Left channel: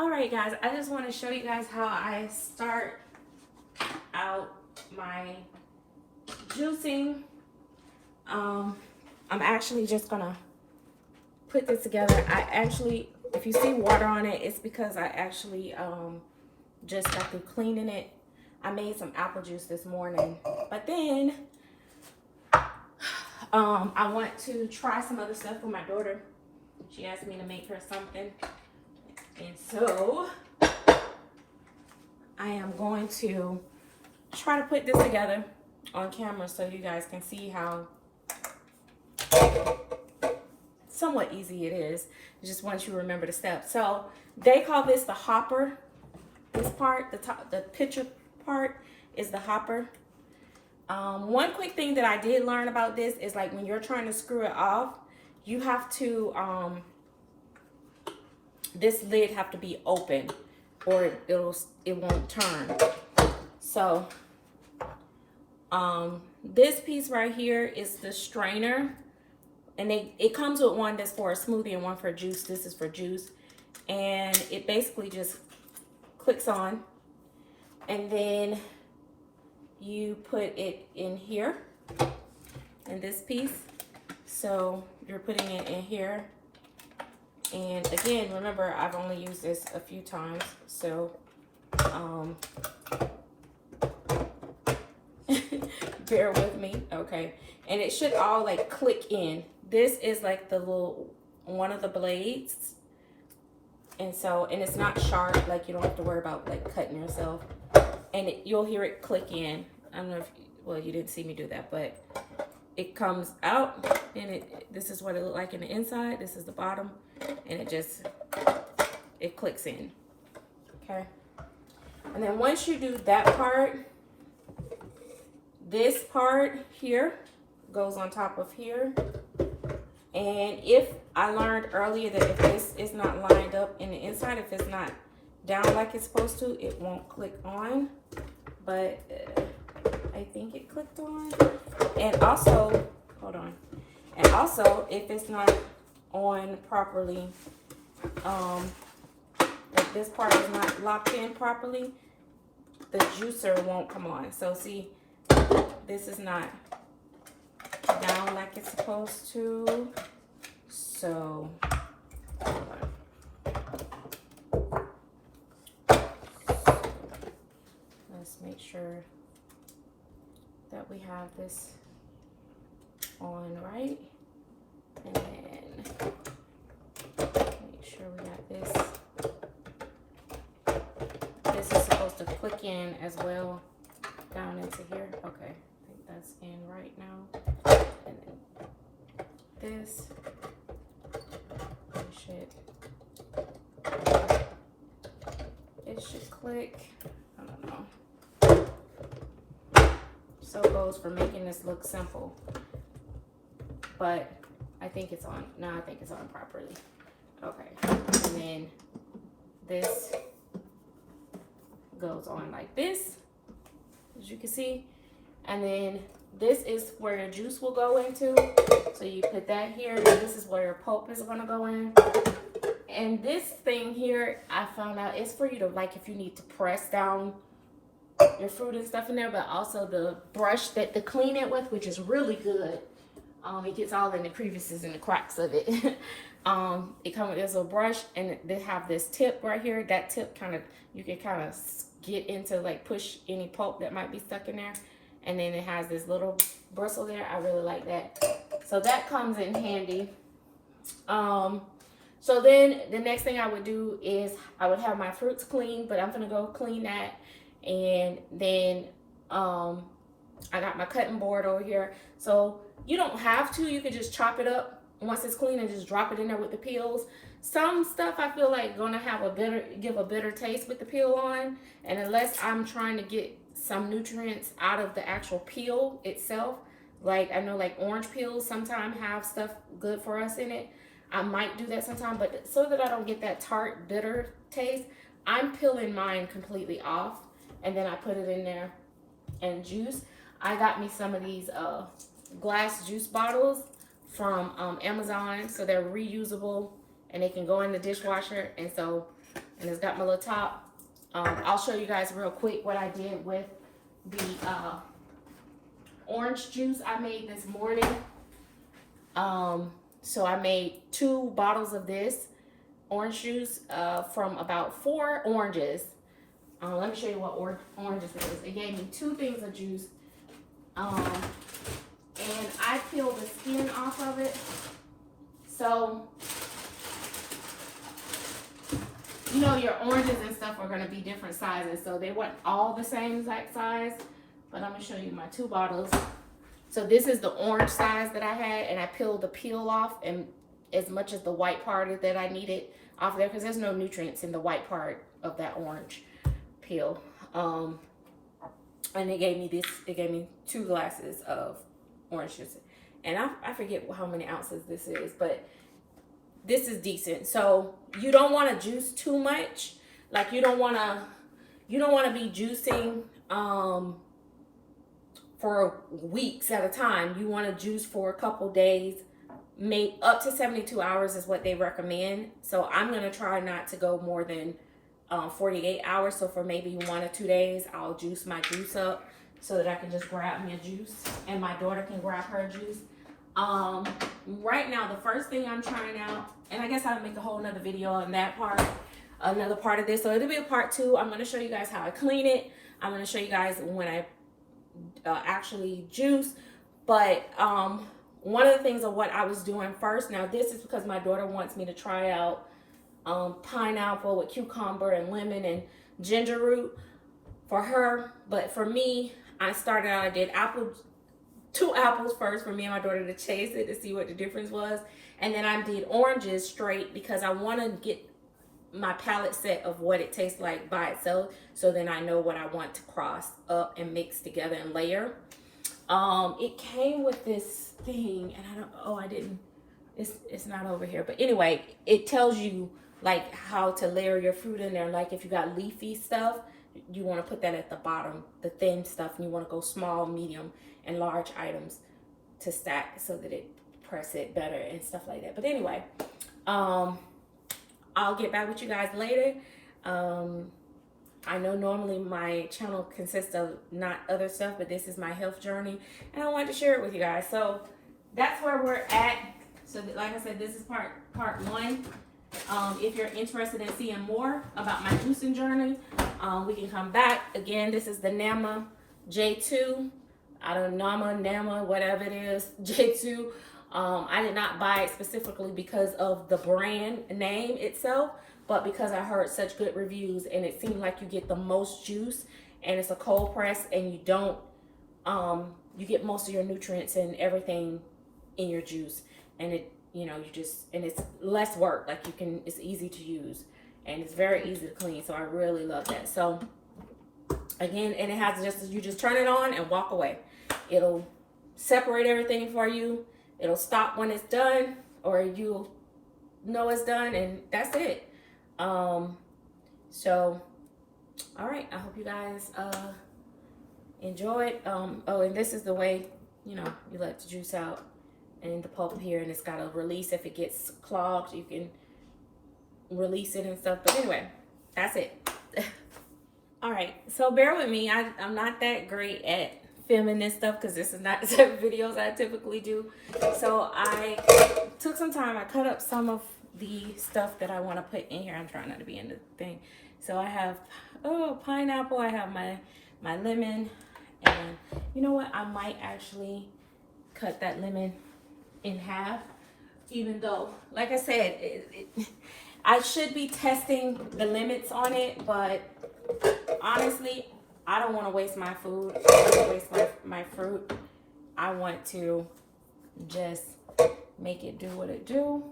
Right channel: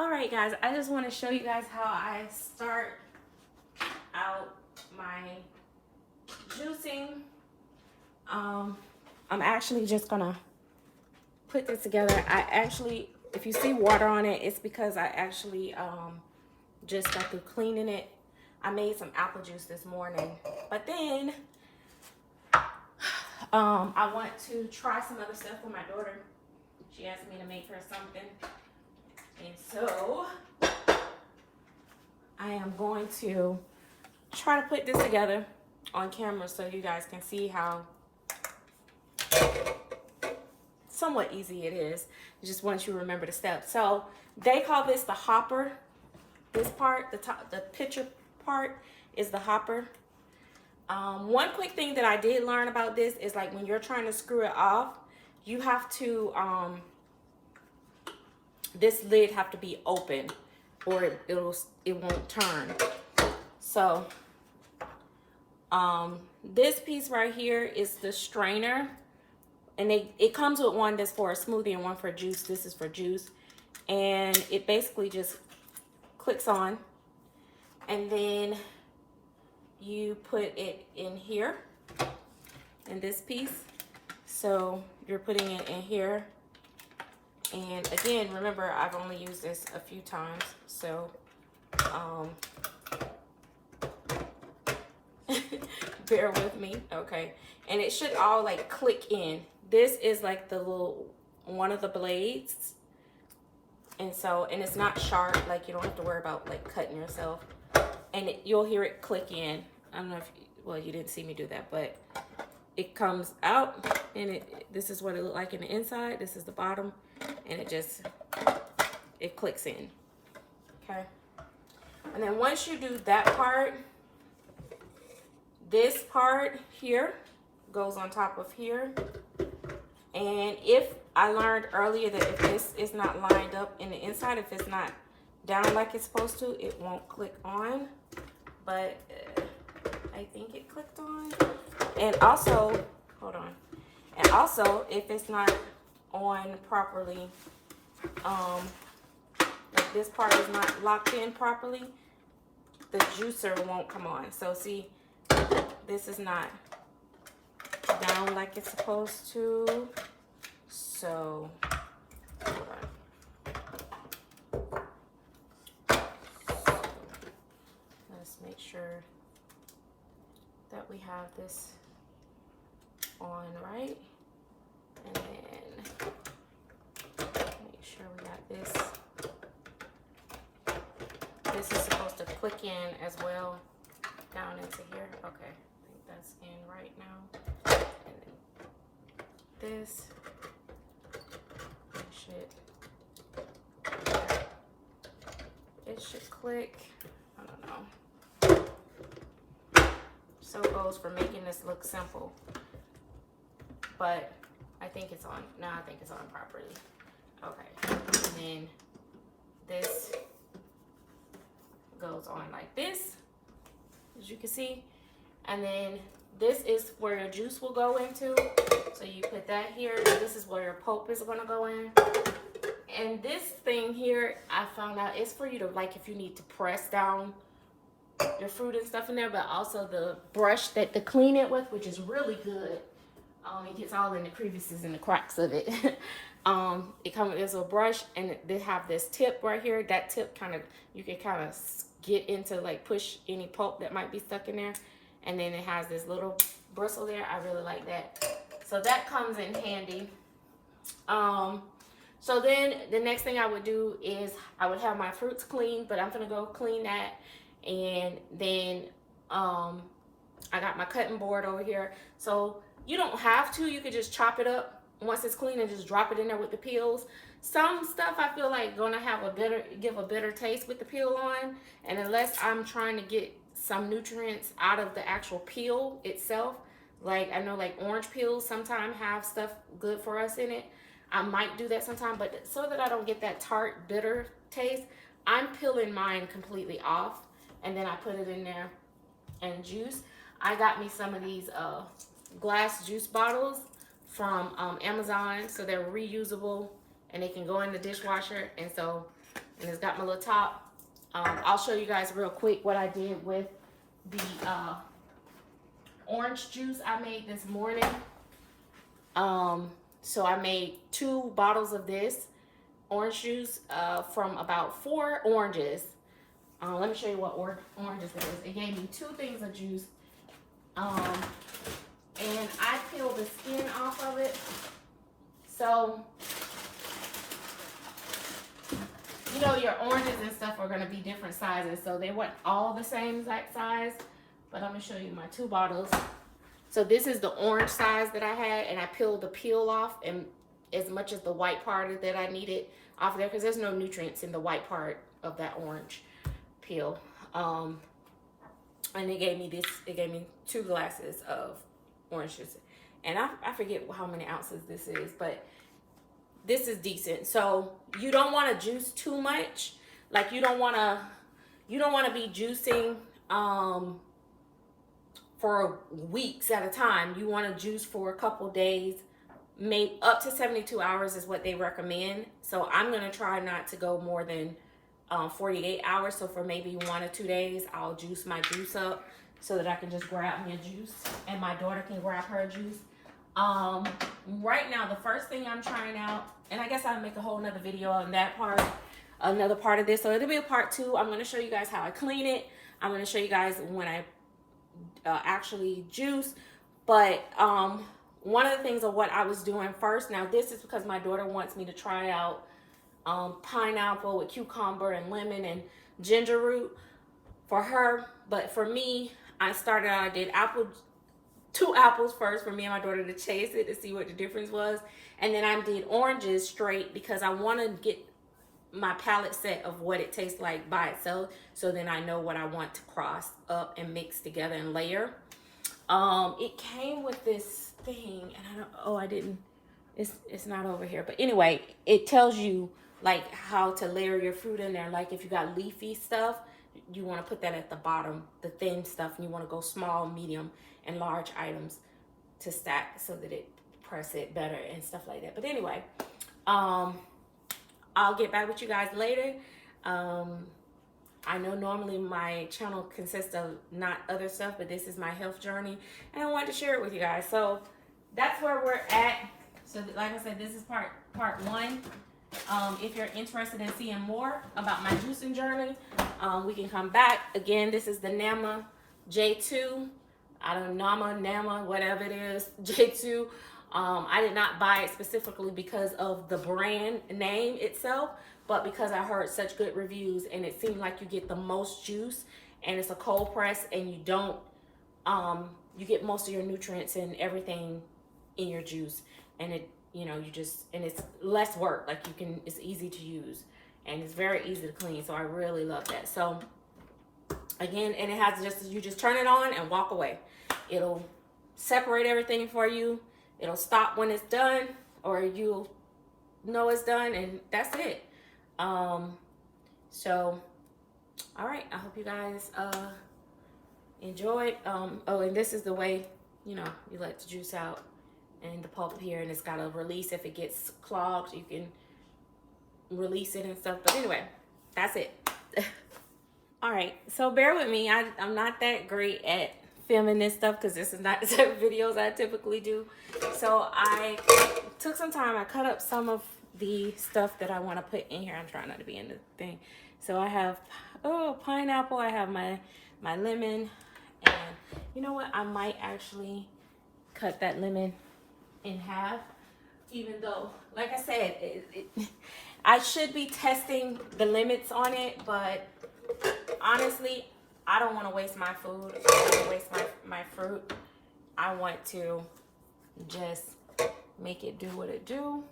Alright guys, I just want to show you guys how I start out my juicing. I'm actually just gonna put this together. If you see water on it, it's because I actually just got through cleaning it. I made some apple juice this morning, but then I want to try some other stuff with my daughter. She asked me to make her something, and so I am going to try to put this together on camera so you guys can see how somewhat easy it is. Just want you to remember the steps. So they call this the hopper. This part, the picture part, is the hopper. One quick thing that I did learn about this is, like, when you're trying to screw it off, you have to this lid have to be open, or it won't turn. So this piece right here is the strainer, and it comes with one that's for a smoothie and one for juice. This is for juice, and it basically just clicks on, and then you put it in here in this piece. So you're putting it in here, and again, remember, I've only used this a few times, so bear with me. Okay, and it should all like click in. This is like the little one of the blades, and it's not sharp, like you don't have to worry about like cutting yourself, and you'll hear it click in. I don't know if, well, you didn't see me do that, but it comes out, and this is what it looked like in the inside. This is the bottom, and it clicks in. Okay, and then once you do that part, this part here goes on top of here. And if I learned earlier that if this is not lined up in the inside, if it's not down like it's supposed to, it won't click on. But I think it clicked on. And also, hold on. And also, if it's not on properly, if this part is not locked in properly, the juicer won't come on. So see, this is not down like it's supposed to. So hold on. Let's make sure that we have this on right, and then make sure we got this. This is supposed to click in as well down into here. Okay, I think that's in right now. And then this, it should click. I don't know. So it goes for making this look simple, but I think it's on. No, I think it's on properly. Okay, and then this goes on like this, as you can see, and then this is where the juice will go into. So you put that here, and this is where your pulp is gonna go in. And this thing here, I found out, it's for you to, like, if you need to press down your fruit and stuff in there, but also the brush that to clean it with, which is really good. It gets all in the crevices and the cracks of it. It comes with this little brush, and they have this tip right here. That tip you can kind of get into, like, push any pulp that might be stuck in there. And then it has this little bristle there. I really like that. So that comes in handy. So then the next thing I would do is I would have my fruits clean, but I'm gonna go clean that. And then I got my cutting board over here. So you don't have to, you could just chop it up once it's clean and just drop it in there with the peels. Some stuff I feel like gonna have give a better taste with the peel on, and unless I'm trying to get some nutrients out of the actual peel itself, like I know like orange peels sometimes have stuff good for us in it, I might do that sometime, but so that I don't get that tart bitter taste, I'm peeling mine completely off, and then I put it in there and juice. I got me some of these glass juice bottles from Amazon, so they're reusable and they can go in the dishwasher. And so and it's got my little top. I'll show you guys real quick what I did with the orange juice I made this morning. So I made 2 bottles of this orange juice from about 4 oranges. Let me show you what oranges it is. It gave me 2 things of juice. And I peeled the skin off of it. So, you know, your oranges and stuff are going to be different sizes. So they weren't all the same exact size. But I'm going to show you my 2 bottles. So this is the orange size that I had. And I peeled the peel off and as much as the white part that I needed off there. Because there's no nutrients in the white part of that orange peel. And it gave me this. It gave me 2 glasses of orange juice. And I forget how many ounces this is. But this is decent. So you don't want to juice too much. Like you don't want to be juicing for weeks at a time. You want to juice for a couple days, maybe up to 72 hours is what they recommend. So I'm going to try not to go more than 48 hours. So for maybe 1 or 2 days, I'll juice my juice up so that I can just grab me a juice and my daughter can grab her juice. Right now, the first thing I'm trying out, and I guess I'll make a whole nother video on that part, another part of this. So it'll be a part 2. I'm going to show you guys how I clean it. I'm going to show you guys when I actually juice. But one of the things of what I was doing first, now this is because my daughter wants me to try out pineapple with cucumber and lemon and ginger root for her. But for me, I started out, I did 2 apples first for me and my daughter to taste it to see what the difference was. And then I did oranges straight because I want to get my palate set of what it tastes like by itself. So then I know what I want to cross up and mix together and layer. It came with this thing and I didn't, it's not over here. But anyway, it tells you like how to layer your fruit in there. Like if you got leafy stuff, you want to put that at the bottom, the thin stuff, and you want to go small, medium, and large items to stack so that it press it better and stuff like that. But anyway, I'll get back with you guys later. I know normally my channel consists of not other stuff, but this is my health journey, and I wanted to share it with you guys. So that's where we're at. So that, like I said, this is part 1. If you're interested in seeing more about my juicing journey, we can come back. Again, this is the Nama J2. I don't know, Nama, whatever it is, J2. I did not buy it specifically because of the brand name itself, but because I heard such good reviews and it seemed like you get the most juice and it's a cold press and you don't, you get most of your nutrients and everything in your juice. And it, you know, you just, and it's less work. Like you can, it's easy to use and it's very easy to clean. So I really love that. So again, and it has just, you just turn it on and walk away. It'll separate everything for you. It'll stop when it's done, or you'll know it's done, and that's it. So, all right. I hope you guys enjoyed. Oh, and this is the way, you know, you let the juice out and the pulp here, and it's got a release. If it gets clogged, you can release it and stuff. But anyway, that's it. All right. So bear with me. I'm not that great at filming this stuff because this is not the type of videos I typically do. So I took some time. I cut up some of the stuff that I want to put in here. I'm trying not to be in the thing. So I have pineapple. I have my lemon, and you know what? I might actually cut that lemon in half. Even though, like I said, I should be testing the limits on it, but honestly, I don't want to waste my food. I don't want to waste my fruit. I want to just make it do what it do.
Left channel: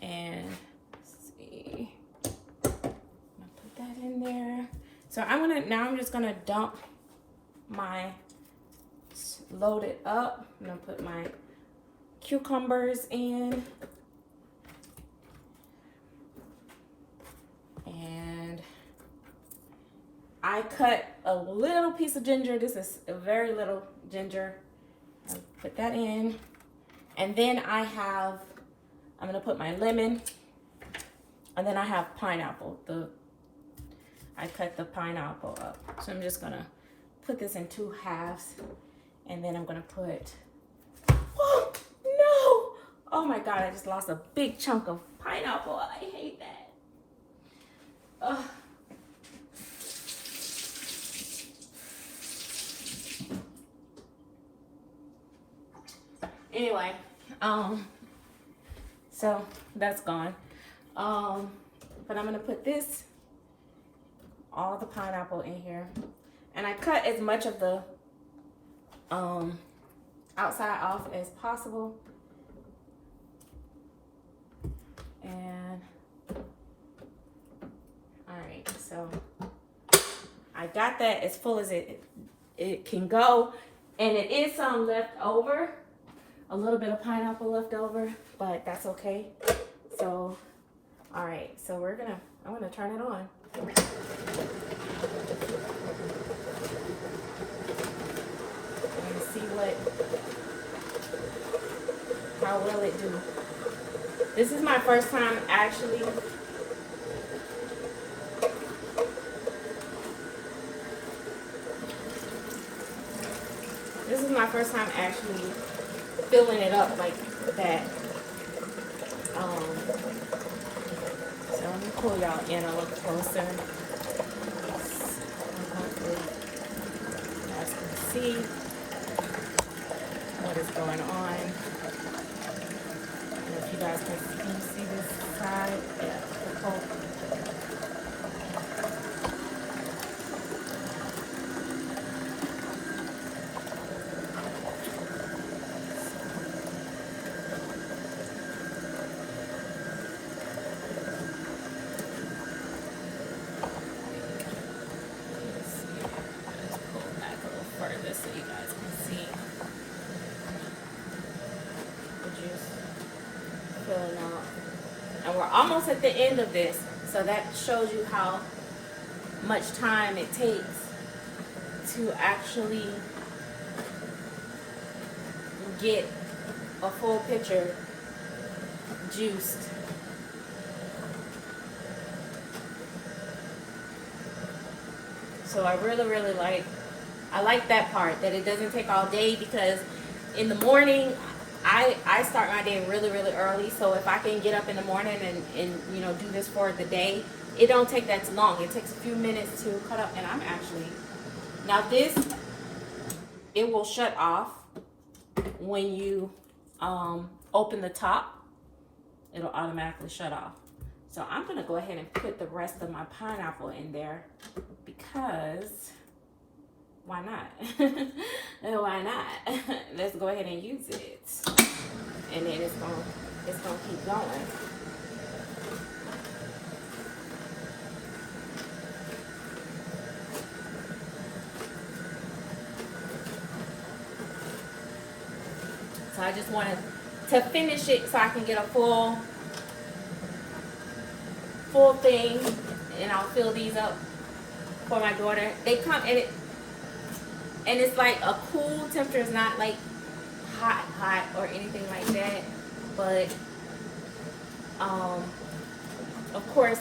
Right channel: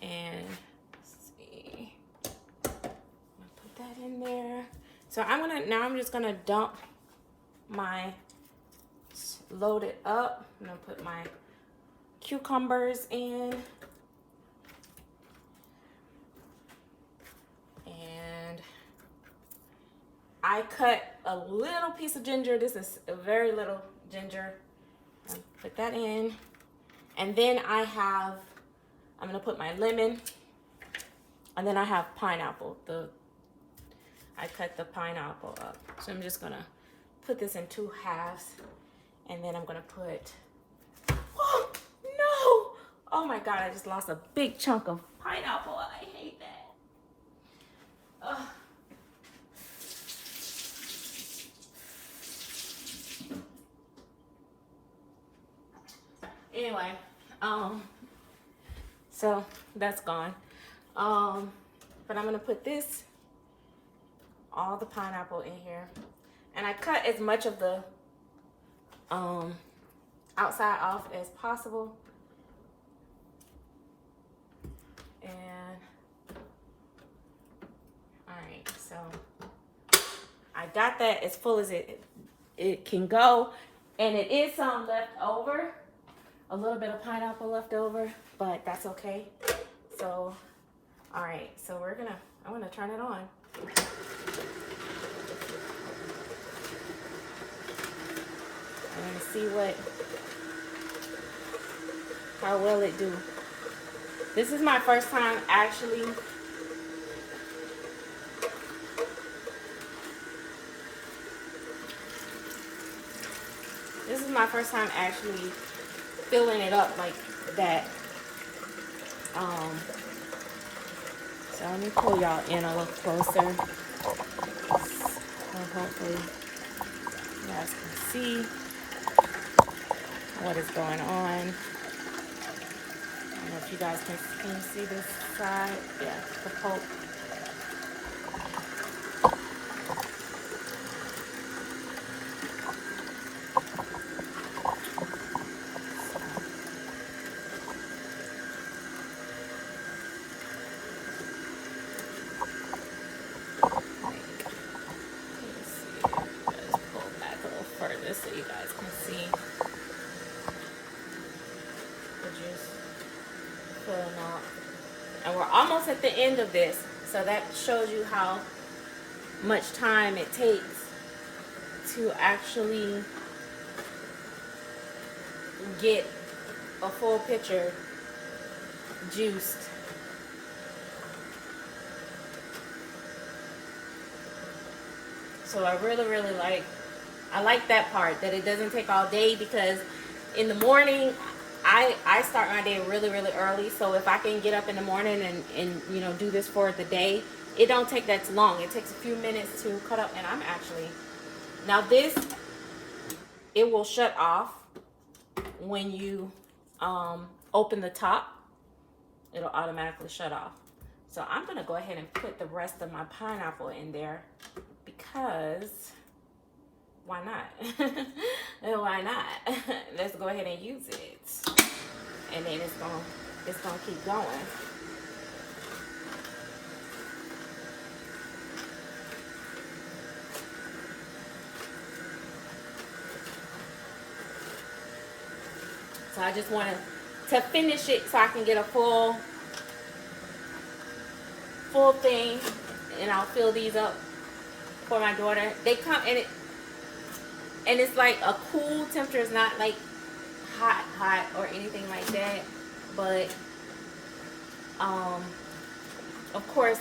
And let's see. I'm gonna put that in there. So I'm just gonna dump my, load it up. I'm gonna put my cucumbers in. And I cut a little piece of ginger. This is a very little ginger. I'll put that in. And then I'm gonna put my lemon And then I have pineapple. I cut the pineapple up. So I'm just gonna put this in 2 halves. And then I'm gonna put, oh no! Oh my God, I just lost a big chunk of pineapple. I hate that. Ugh. Anyway, so that's gone. But I'm gonna put this, all the pineapple in here. And I cut as much of the outside off as possible. And all right, so I got that as full as it can go. And it is some left over, a little bit of pineapple left over, but that's okay. So, all right, so I'm gonna turn it on. And see how will it do. This is my first time actually filling it up like that. So let me pull y'all in a little closer. Hopefully you guys can see what is going on. I don't know if you guys can see this side. Yeah, the pulp. So you guys can see the juice filling out. And we're almost at the end of this, so that shows you how much time it takes to actually get a full pitcher juiced. So I really like that part, that it doesn't take all day, because in the morning I start my day really early. So if I can get up in the morning and you know, do this for the day, it don't take that long. It takes a few minutes to cut up. And I'm actually, now this, it will shut off when you open the top. It'll automatically shut off. So I'm gonna go ahead and put the rest of my pineapple in there, because why not? Why not? Let's go ahead and use it. And then it's gonna keep going. So I just wanted to finish it so I can get a full thing, and I'll fill these up for my daughter. They come in it. And it's like a cool temperature. It's not like hot or anything like that. But of course,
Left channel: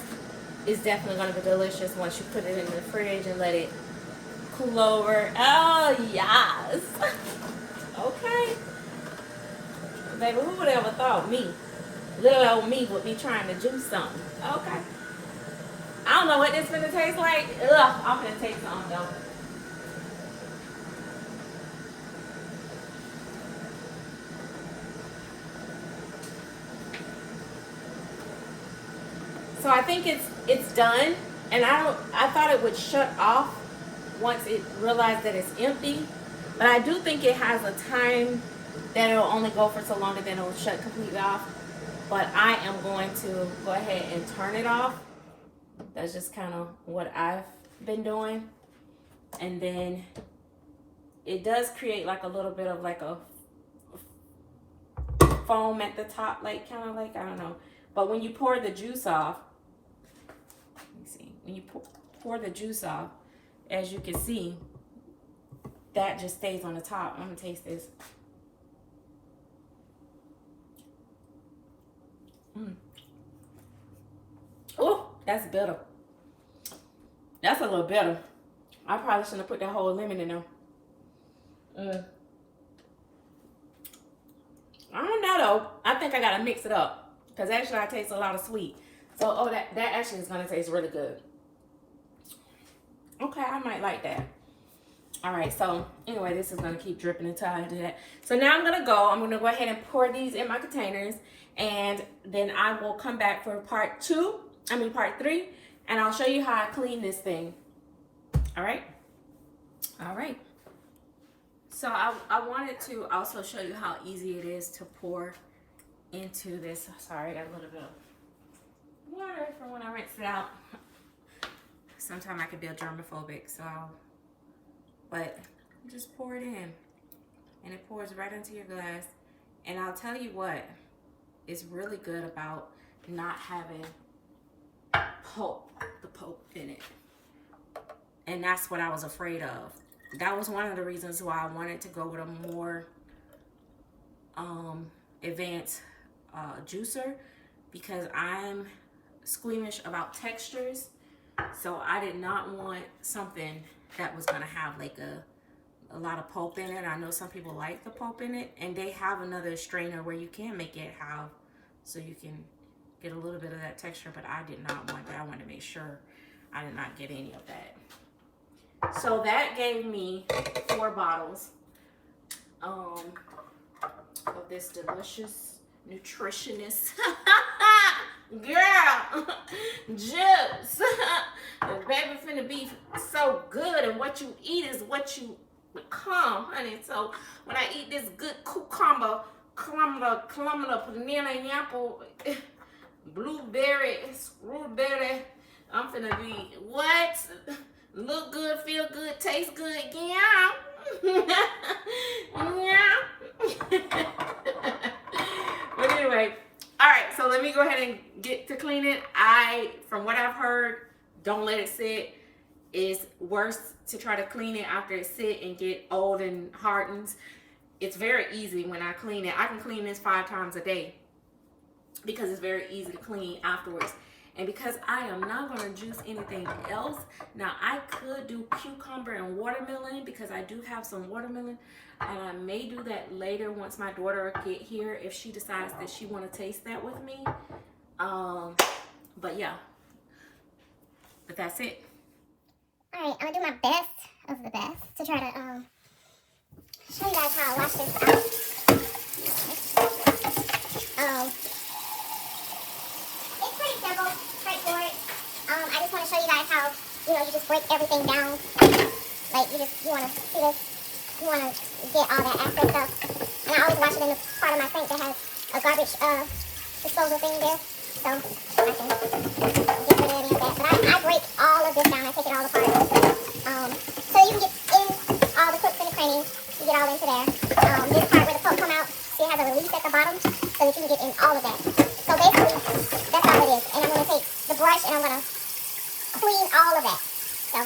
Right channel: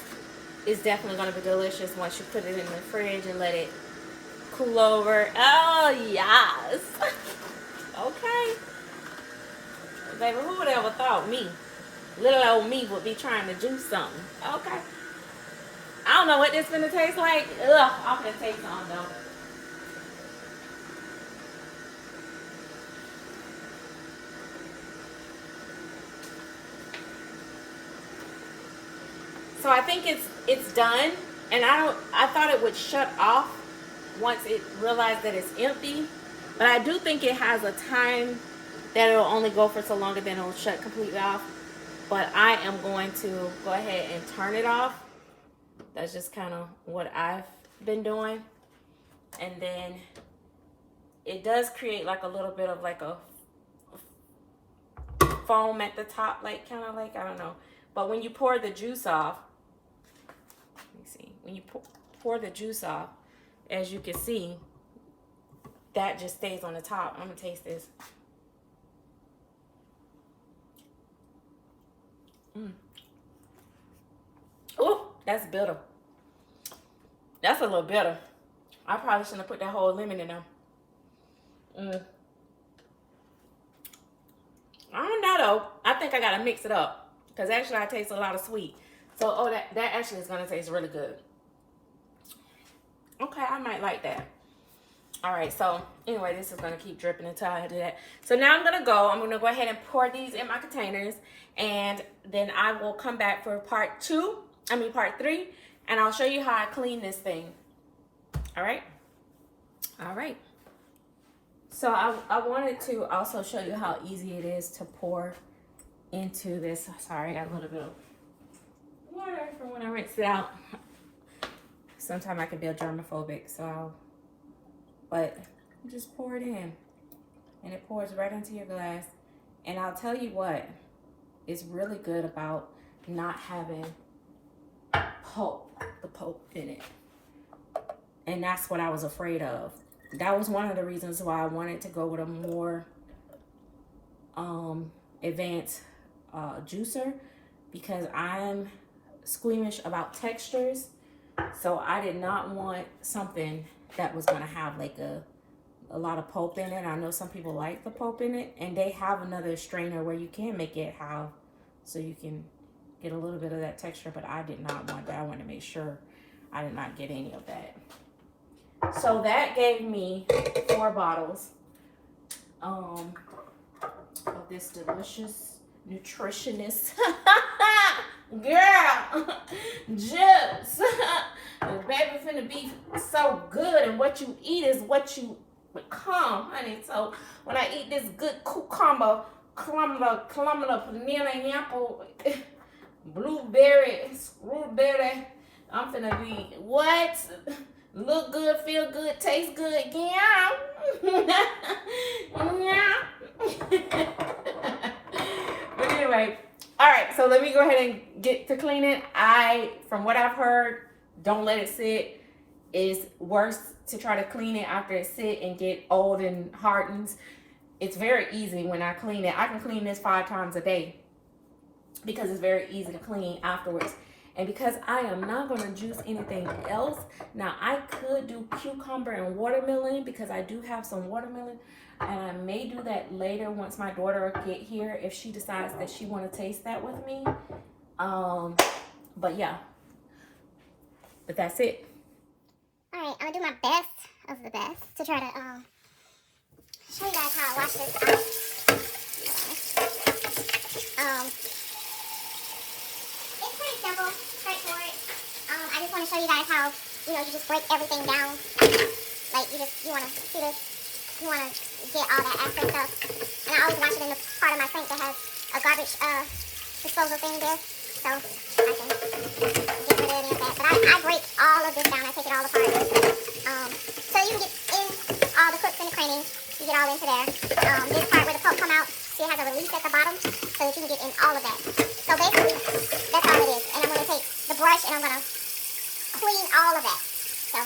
it's definitely gonna be delicious once you put it in the fridge and let it cool over. Oh yes. Okay. Baby, who would ever thought me, little old me, would be trying to juice something? Okay. I don't know what this is gonna taste like. Ugh, I'm gonna taste something though. So I think it's done, and I thought it would shut off once it realized that it's empty, but I do think it has a time that it'll only go for so long and then it'll shut completely off. But I am going to go ahead and turn it off. That's just kind of what I've been doing. And then it does create like a little bit of like a foam at the top, like kind of like, I don't know. But when you pour the juice off, let me see, when you pour the juice off, as you can see, that just stays on the top. I'm gonna taste this. Oh, that's bitter. That's a little bitter. I probably shouldn't have put that whole lemon in there. Mm. I don't know though. I think I gotta mix it up because actually I taste a lot of sweet. So oh, that actually is gonna taste really good. Okay, I might like that. All right, so anyway, this is gonna keep dripping until I do that. So now I'm gonna go ahead and pour these in my containers, and then I will come back for part three, and I'll show you how I clean this thing. All right. All right. So I wanted to also show you how easy it is to pour into this. Sorry, I got a little bit of water from when I rinsed it out. Sometimes I can be germophobic, so, but you just pour it in and it pours right into your glass. And I'll tell you what is really good about not having the pulp in it. And that's what I was afraid of. That was one of the reasons why I wanted to go with a more advanced juicer, because I'm squeamish about textures. So I did not want something that was gonna have like a lot of pulp in it. I know some people like the pulp in it, and they have another strainer where you can make it have, so you can get a little bit of that texture, but I did not want that. I wanted to make sure I did not get any of that. So that gave me 4 bottles of this delicious, nutritionist girl juice. The baby finna be so good, and what you eat is what you become, honey. So when I eat this good cucumber, banana, apple, blueberry, strawberry, I'm finna be what? Look good, feel good, taste good, yeah. Yeah. But anyway, all right, so let me go ahead and get to cleaning. From what I've heard, don't let it sit. It's worse to try to clean it after it sit and get old and hardens. It's very easy when I clean it. I can clean this 5 times a day because it's very easy to clean afterwards. And because I am not going to juice anything else, now I could do cucumber and watermelon because I do have some watermelon, and I may do that later once my daughter get here if she decides that she want to taste that with me. But yeah, but that's it. All right, I'm gonna do my best of the best to try to show you guys how I wash this out. It's pretty simple, straightforward. I just want to show you guys how, you just break everything down. Like, you want to see this, you want to get all that excess stuff. And I always wash it in the part of my sink that has a garbage disposal thing there. So I can get rid of any of that. But I break all of this down. I take it all apart. So you can get in all the crooks and the crannies. You get all into there. This part where the pulp come out, it has a release at the bottom so that you can get in all of that. So basically, that's all it is. And I'm going to take the brush and I'm going to clean all of that. So.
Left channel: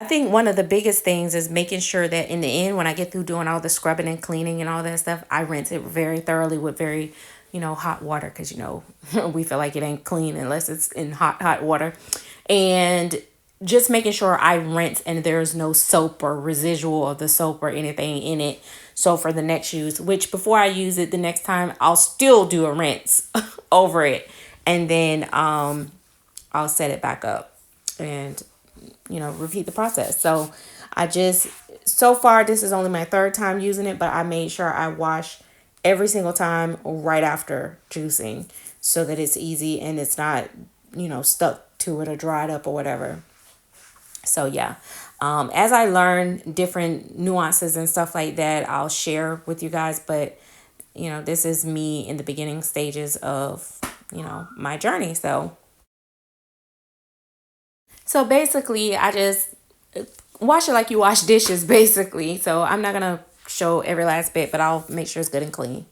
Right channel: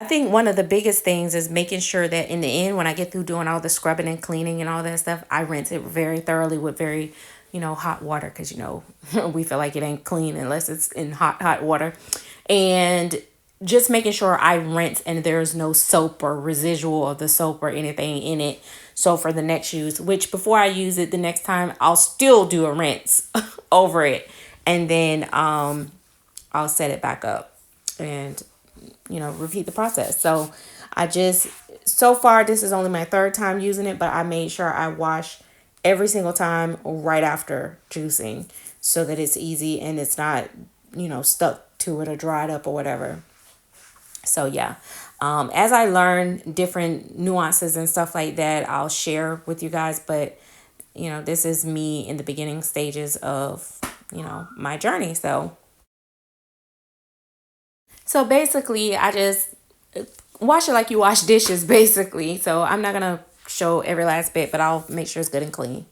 I think one of the biggest things is making sure that in the end, when I get through doing all the scrubbing and cleaning and all that stuff, I rinse it very thoroughly with very, hot water because, we feel like it ain't clean unless it's in hot water. And just making sure I rinse and there's no soap or residual of the soap or anything in it. So for the next use, which before I use it the next time, I'll still do a rinse over it. And then I'll set it back up and repeat the process. So so far, this is only my 3rd time using it, but I made sure I wash every single time right after juicing so that it's easy and it's not, stuck to it or dried up or whatever. So yeah, As I learn different nuances and stuff like that, I'll share with you guys. But, you know, this is me in the beginning stages of, you know, my journey. So basically, I just wash it like you wash dishes, basically. So I'm not going to show every last bit, but I'll make sure it's good and clean.